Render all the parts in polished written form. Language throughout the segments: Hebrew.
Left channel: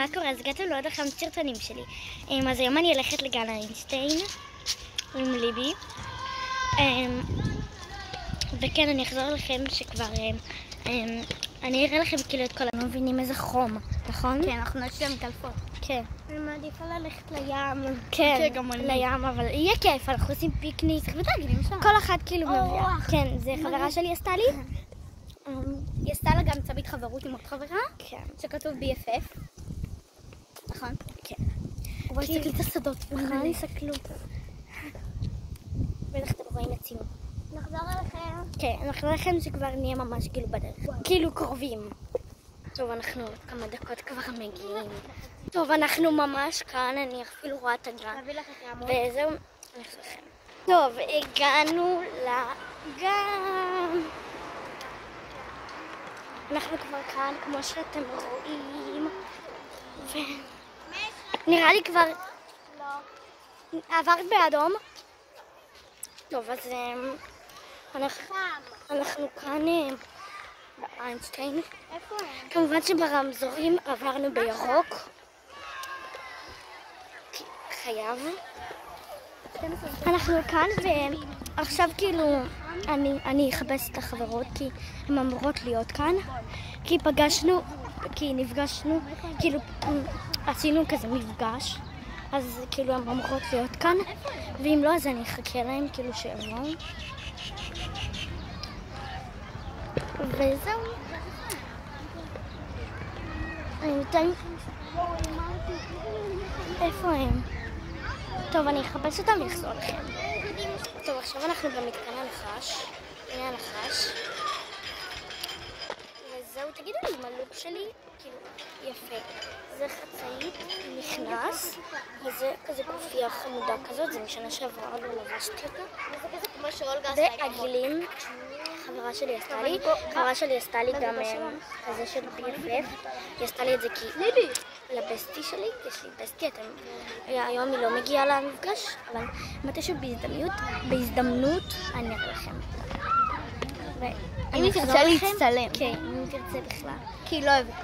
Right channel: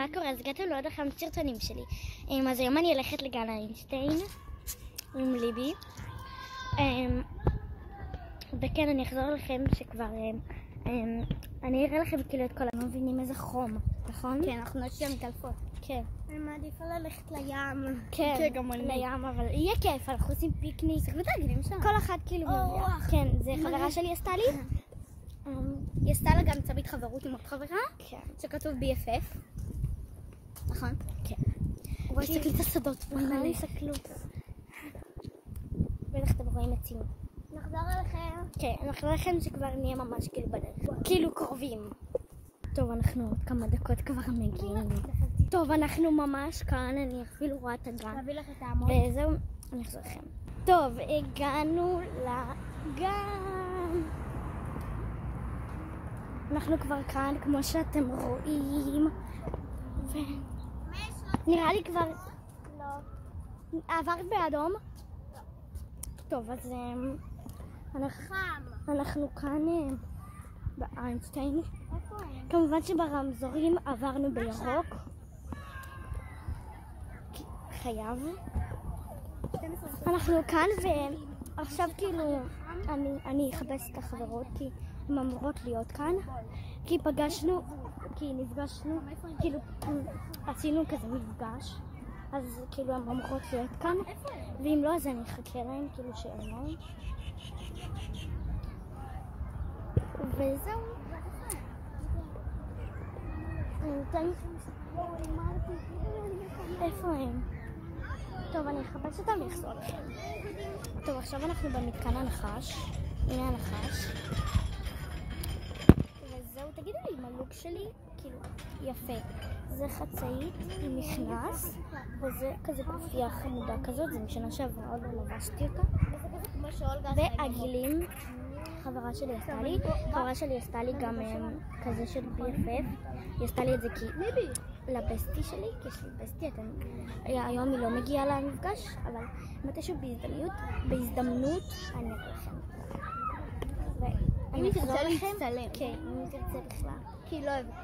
מה קורה? אז הגעתי לעוד אחד הסרטונים שלי. אז היום אני הולכת לגן איינשטיין עם ליבי. וכן, אני אחזור לכם שכבר... אני אראה לכם כאילו את כל... לא מבינים איזה חום, נכון? כן, אנחנו נשאר מתעלפות. כן. אני מעדיפה ללכת לים. כן, לים, אבל יהיה כיף, אנחנו עושים פיקניק. כל אחת כאילו מביאה. כן, זה חברה שלי עשתה לי. היא עשתה לה גם צבית חברות עם עוד חברה. כן. שכתוב BFF. נכון? כן. בואי תסתכלי את השדות. נכון, תסתכלו. בטח אתם רואים את ציון. נחזור אליכם. כן, אנחנו לכם שכבר נהיה ממש כאילו בדרך. כאילו קרובים. טוב, אנחנו עוד כמה דקות כבר מגיעים. טוב, אנחנו ממש כאן, אני אפילו רואה את הגן. נביא לך את העמוד. וזהו, אני אחזור לכם. טוב, הגענו לגן. אנחנו כבר כאן, כמו שאתם רואים. נראה לי כבר... לא. עברת באדום? טוב, אז אנחנו כאן באיינשטיין. כמובן שברמזורים עברנו בירוק. חייב. אנחנו כאן ועכשיו כאילו אני אחפש את החברות כי הן אמורות להיות כאן. כי נפגשנו, כאילו עשינו כזה מפגש. אז כאילו הן אמורות להיות כאן, ואם לא אז אני אחכה להם כאילו שהם לא. וזהו. איפה הם? טוב, אני אחפש אותם ואחזור לכם. טוב, עכשיו אנחנו במתקן הנחש. הנה הנחש. וזהו, תגידו לי אם הלוק שלי כאילו יפה. זה חצאית, נכנס, וזה כזה גופייה חמודה כזאת, זה משנה שעברה עוד לא לבשתי אותה. והגילים, חברה שלי עשתה לי גם כזה של BFF. היא עשתה לי את זה כי לבסטי שלי, יש לי בסטי, היום היא לא מגיעה למפגש, אבל מתישהו בהזדמנות אני אראה לכם. אם היא תרצה להצטלם. כן, אם היא תרצה בכלל. כי היא לא אוהבת.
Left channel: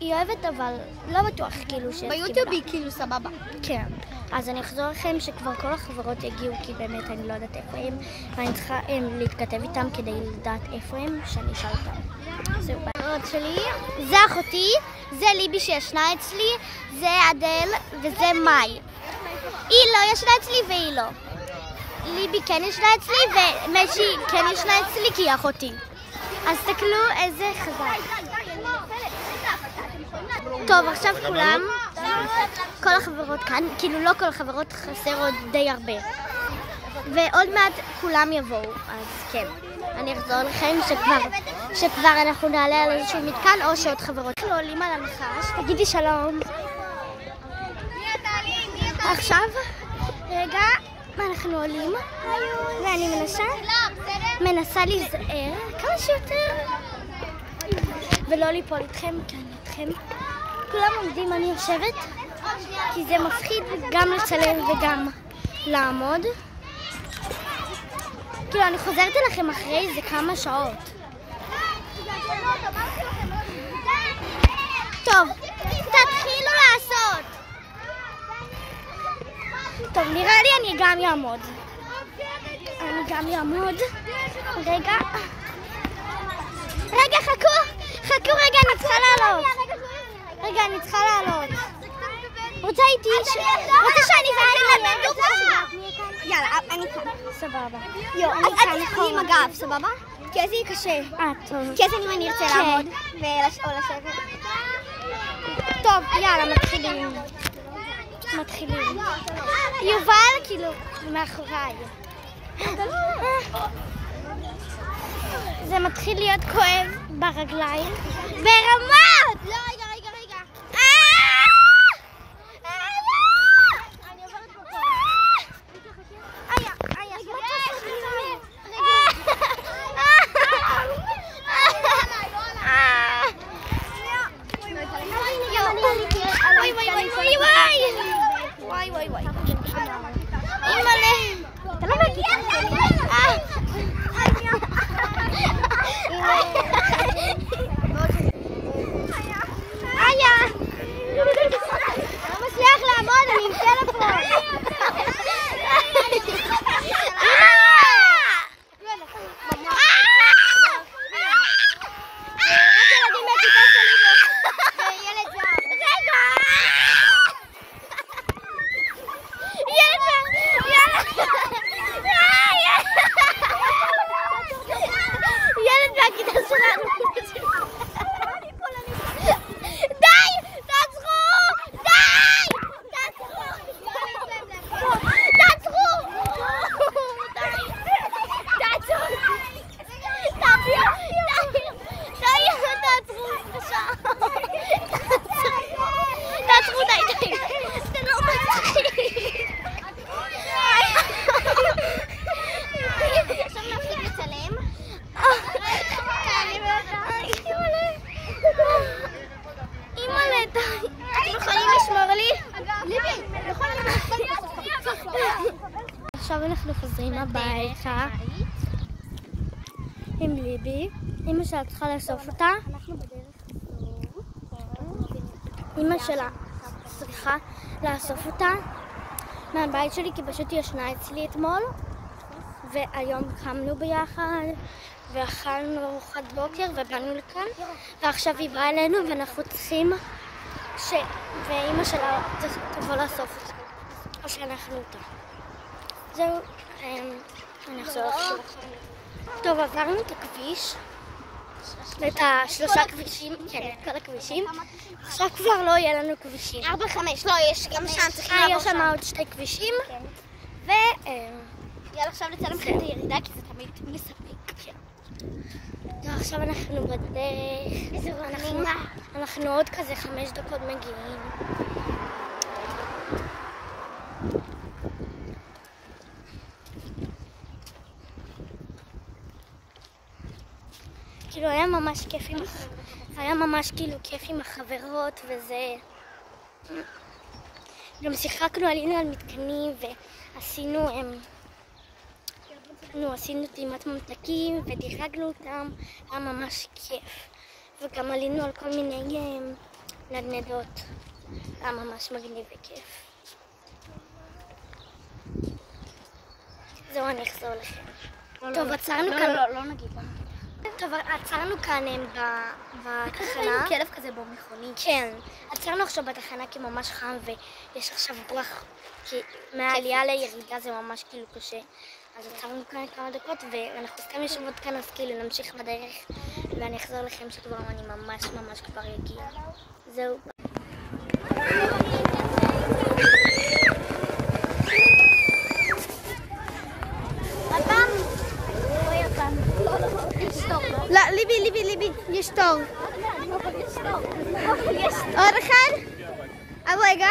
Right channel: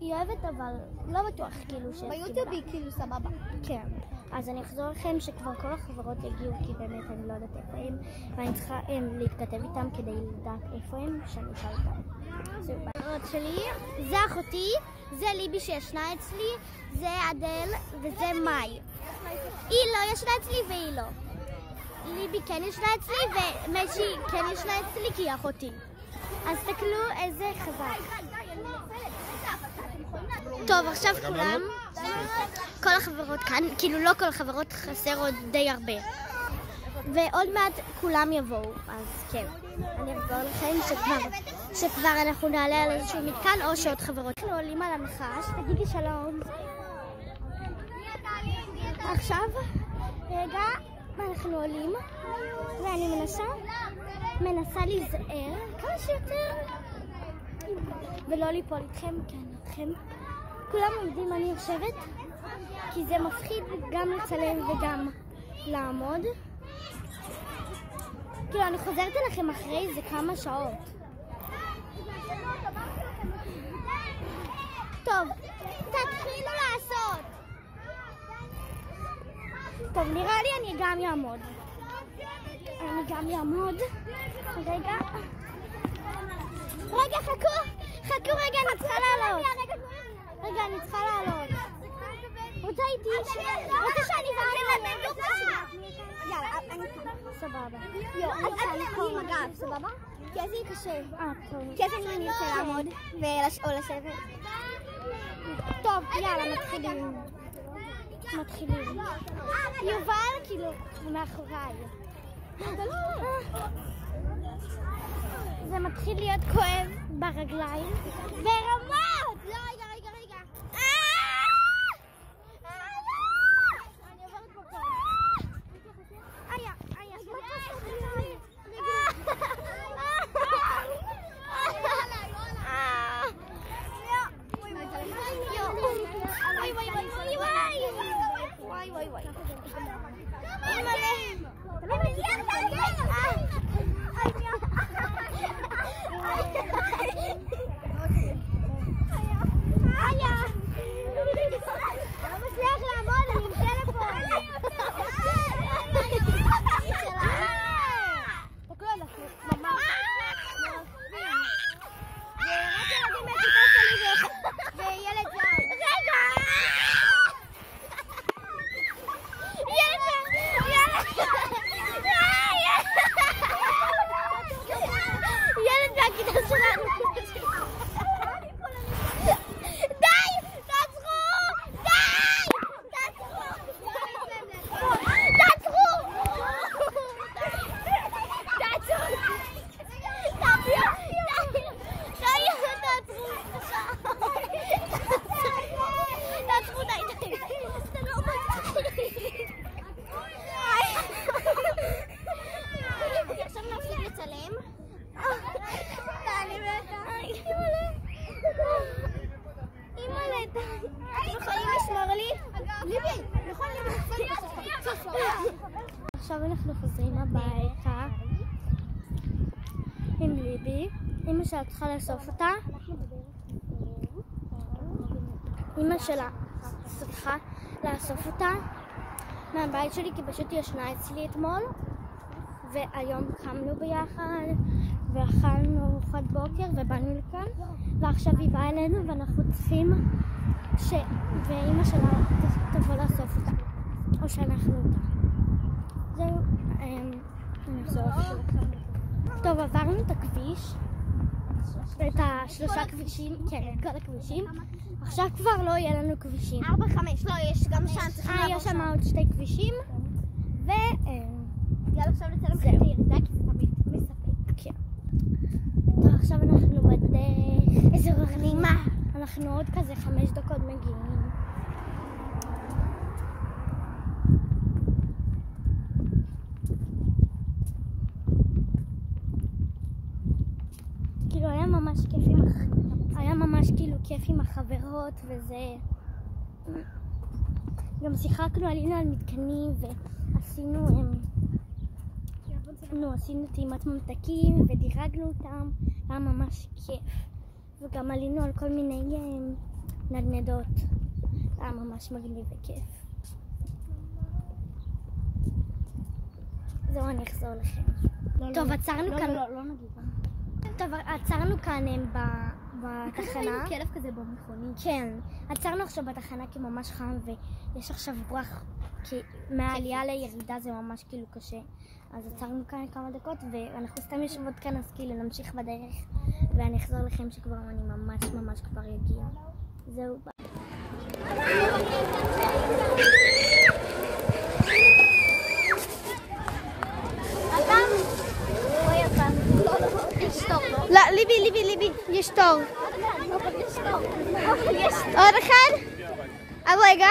היא אוהבת, אבל לא בטוח כאילו ביוטיוב היא כאילו סבבה. כן. אז אני אחזור לכם שכבר כל החברות יגיעו, כי באמת אני לא יודעת איפה הם, ואני צריכה להתכתב איתם כדי לדעת איפה הם, שאני אשאל אותם. זהו, בחברות שלי, זה אחותי, זה ליבי שישנה אצלי, זה אדל וזה מאי. היא לא ישנה אצלי והיא לא. ליבי כן ישנה אצלי ומשי כן ישנה אצלי כי היא אחותי. אז תסתכלו איזה חזק. טוב, עכשיו כולם, כל החברות כאן, כאילו לא כל החברות, חסר עוד די הרבה. ועוד מעט כולם יבואו, אז כן. אני אחזור לכם שכבר אנחנו נעלה על איזשהו מתקן או שעוד חברות. אנחנו עולים על הנחש, תגידי שלום. עכשיו, רגע, אנחנו עולים, ואני מנסה להיזהר כמה שיותר, ולא ליפול איתכם, כי אני איתכם. כולם עומדים, אני יושבת, כי זה מפחיד גם לצלם וגם לעמוד. כאילו, אני חוזרת אליכם אחרי איזה כמה שעות. טוב, תתחילו לעשות. טוב, נראה לי אני גם יעמוד. רגע, חכו רגע, אני צריכה לעלות. רוצה שאני ואני יאללה, אני כאן. סבבה. אז אל תחכי עם הגב, סבבה? כי אז יהיה קשה. טוב. כי אז אני ארצה לעמוד או לשבת. טוב, יאללה, מתחילים. יובל, כאילו, מאחוריי. זה מתחיל להיות כואב ברגליים. ברמות! לא, רגע. וואי. אימא'לה. אתה לא מגיע? יכולת. אתם יכולים לשמור לי? ליבי, עכשיו אנחנו חוזרים הביתה עם ליבי. אמא שלה צריכה לאסוף אותה. אמא שלה צריכה לאסוף אותה מהבית שלי כי פשוט היא ישנה אצלי אתמול, והיום קמנו ביחד ואכלנו ארוחת בוקר ובאנו לכאן, ועכשיו היא באה אלינו ואנחנו צריכים ואמא שלה תבוא לאסוף אותה או שאנחנו אותה. זהו, אני אחזור עכשיו. טוב, עברנו את הכביש, את השלושה כבישים, כן, את כל הכבישים. עכשיו כבר לא יהיה לנו כבישים. 4, 5, לא, יש גם שם, צריכים לעבור יש שם עוד 2 כבישים. יאללה, עכשיו לצלם לכם את הירידה, כי זה תמיד מספק. כן. ועכשיו אנחנו בדרך. איזה רעימה. אנחנו עוד כזה 5 דקות מגיעים. כאילו היה ממש כיף כיף עם החברות וזה. גם שיחקנו, עלינו על מתקנים ועשינו טעימת ממתקים ודירגנו אותם, היה ממש כיף. וגם עלינו על כל מיני נדנדות, היה ממש מגניב וכיף. זהו, אני אחזור לכם. טוב, עצרנו כאן. לא נגיד. טוב, עצרנו כאן בתחנה. כלב כזה במכונית. כן, עצרנו עכשיו בתחנה כי ממש חם ויש עכשיו רוח, כי מהעלייה לירידה זה ממש כאילו קשה. אז עצרנו כאן כמה דקות ואנחנו סתם יושבות כאן, אז כאילו נמשיך בדרך ואני אחזור לכם שכבר אני ממש כבר אגיע. זהו. לא, ליבי, יש תור. עוד אחד? רגע.